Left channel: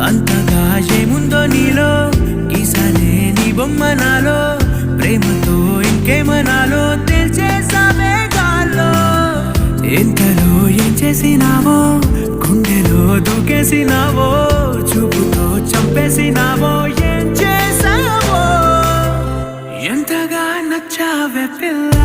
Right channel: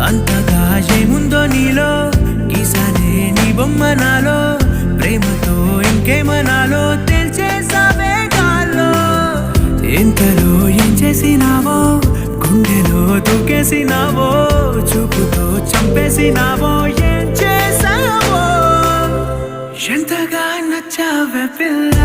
అంతగా ఏముందో నీలో గీసానే నీ బొమ్మ నాలో ప్రేమతో ఇంకేమనాలో తెలిచేసావే గాల్లో ఎంతలో ఏం చేసినావో గుండెలో దూకేసినావో చూపుతో చంపేసినావో ఏం చేసావో ఎంతగా నచ్చావే పిల్ల